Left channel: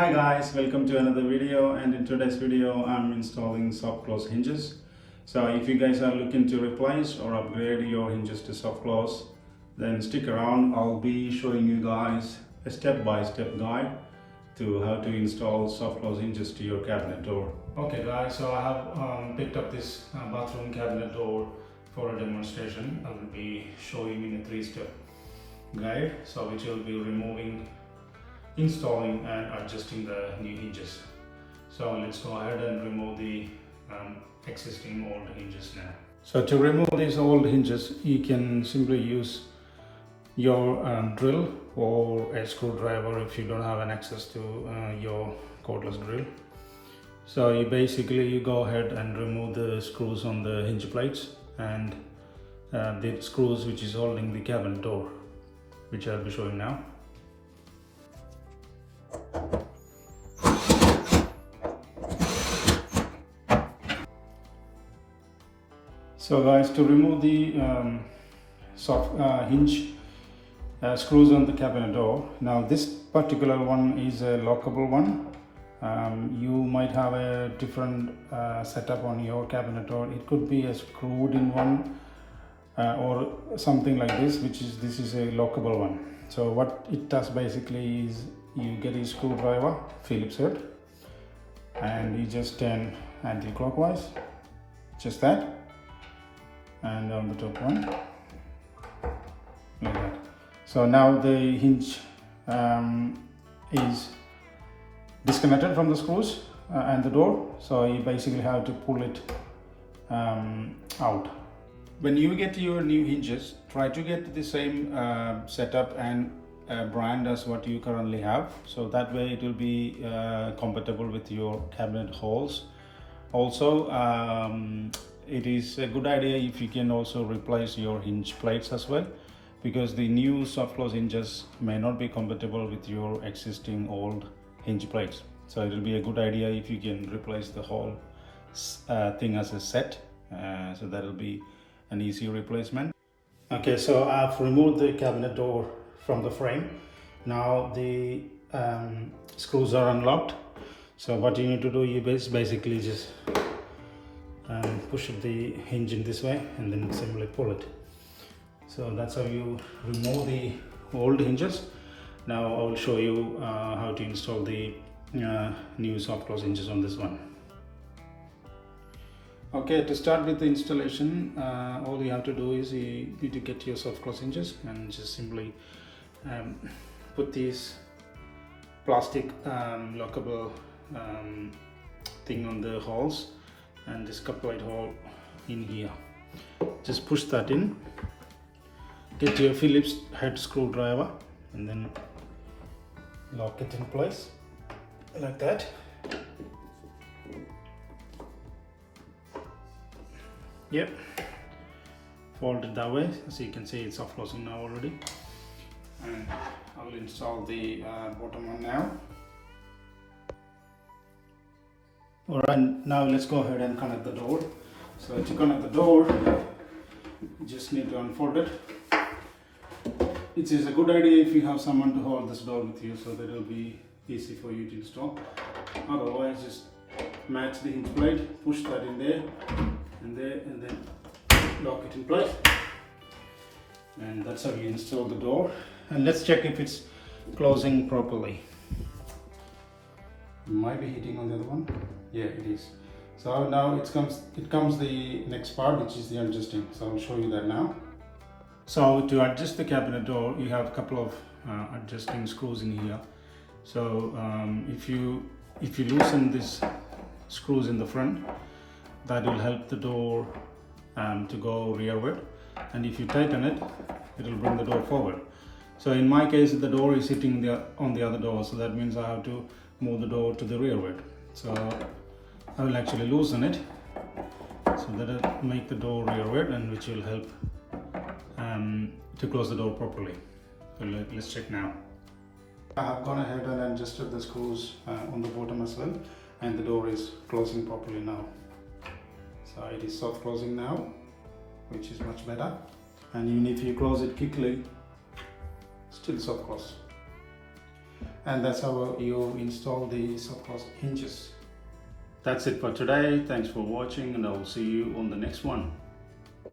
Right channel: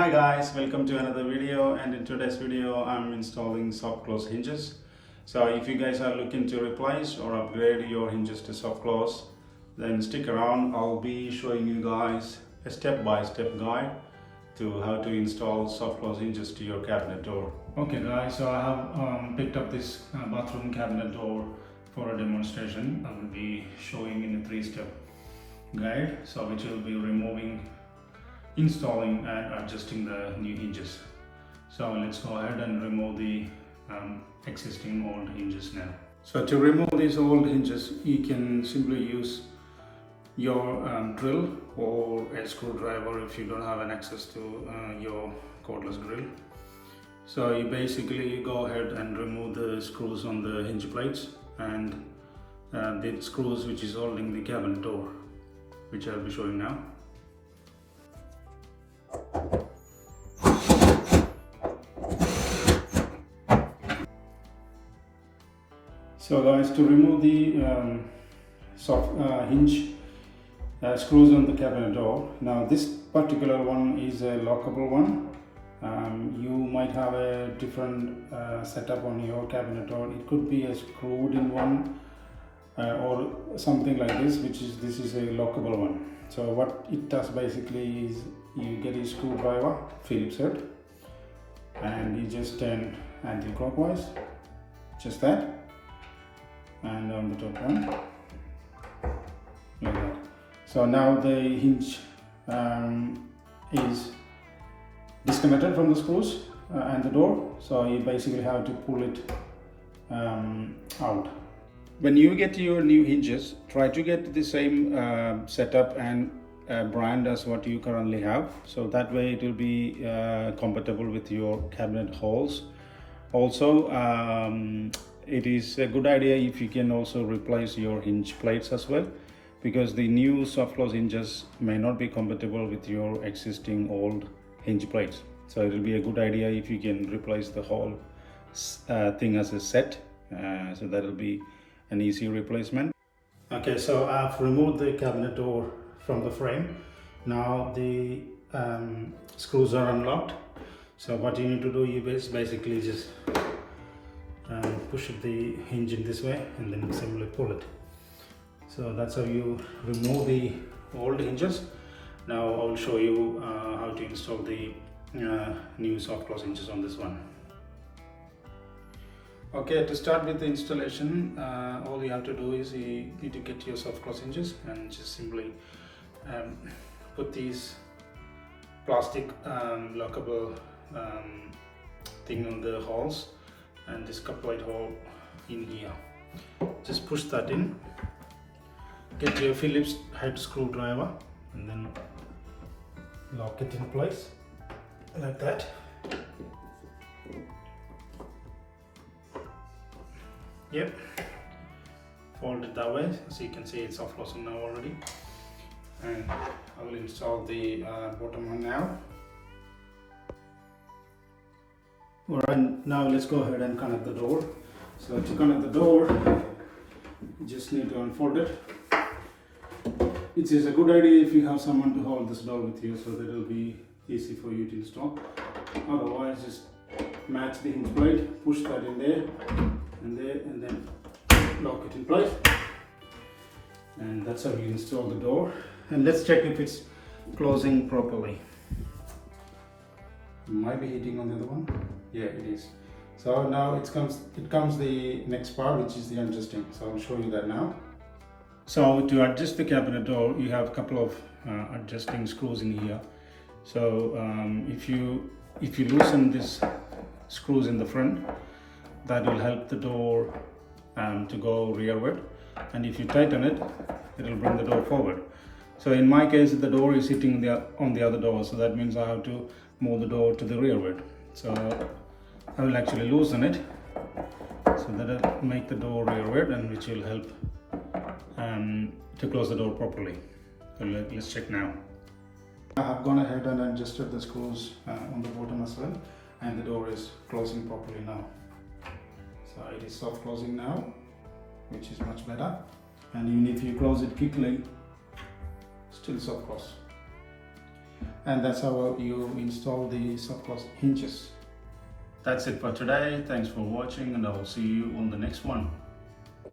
Hi guys, welcome to another video, and in today's video I'm installing soft close hinges. So if you guys are looking to replace or upgrade your hinges to soft close, then stick around. I'll be showing you guys a step-by-step guide to how to install soft close hinges to your cabinet door. Okay guys, so I have picked up this bathroom cabinet door for a demonstration. I will be showing in a 3-step guide, so which will be removing, installing and adjusting the new hinges. So let's go ahead and remove the existing old hinges now. So to remove these old hinges, you can simply use your drill or a screwdriver if you don't have an access to your cordless drill. So you go ahead and remove the screws on the hinge plates and the screws which is holding the cabinet door, which I'll be showing now. So guys, to remove the soft hinge screws on the cabinet door, now this particular one is a lockable one. You might have a different setup on your cabinet door. It could be a screwed in one or something like this, this is a lockable one. So what it does basically is you get a screwdriver, Phillips head, and you just turn anti-clockwise, just that, and on the top one, like that. So now the hinge is disconnected from the screws and the door, so you basically have to pull it out. When you get your new hinges, try to get the same setup and brand as what you currently have, so that way it will be compatible with your cabinet holes. Also, it is a good idea if you can also replace your hinge plates as well, because the new soft close hinges may not be compatible with your existing old hinge plates. So it will be a good idea if you can replace the whole thing as a set, so that will be an easy replacement. Okay, so I've removed the cabinet door from the frame. Now the screws are unlocked. So what you need to do, you basically just push the hinge in this way and then simply pull it. So that's how you remove the old hinges. Now I will show you how to install the new soft close hinges on this one. Okay, to start with the installation, all you have to do is you need to get your soft close hinges and just simply put these plastic lockable thing on the holes and just couple it all in here. Just push that in, get your Phillips head screwdriver and then lock it in place like that. Yep, fold it that way, so you can see it's soft closing now already. And I will install the bottom one now. Alright, now let's go ahead and connect the door. So to connect the door, you just need to unfold it. It is a good idea if you have someone to hold this door with you, so that it will be easy for you to install. Otherwise, just match the hinge plate, push that in there and there, and then lock it in place. And that's how you install the door. And let's check if it's closing properly. It might be hitting on the other one. Yeah, it is. So now it comes the next part, which is the adjusting. So I'll show you that now. So to adjust the cabinet door, you have a couple of adjusting screws in here. So if you loosen these screws in the front, that will help the door to go rearward, and if you tighten it, it will bring the door forward. So in my case, the door is hitting on the other door, so that means I have to move the door to the rearward. So I will actually loosen it, so that will make the door rearward, and which will help to close the door properly. So let's check now. I have gone ahead and adjusted the screws on the bottom as well, and the door is closing properly now. So it is soft closing now, which is much better. And even if you close it quickly, still soft close. and that's how you install the soft close hinges. That's it for today. Thanks for watching, and I will see you on the next one.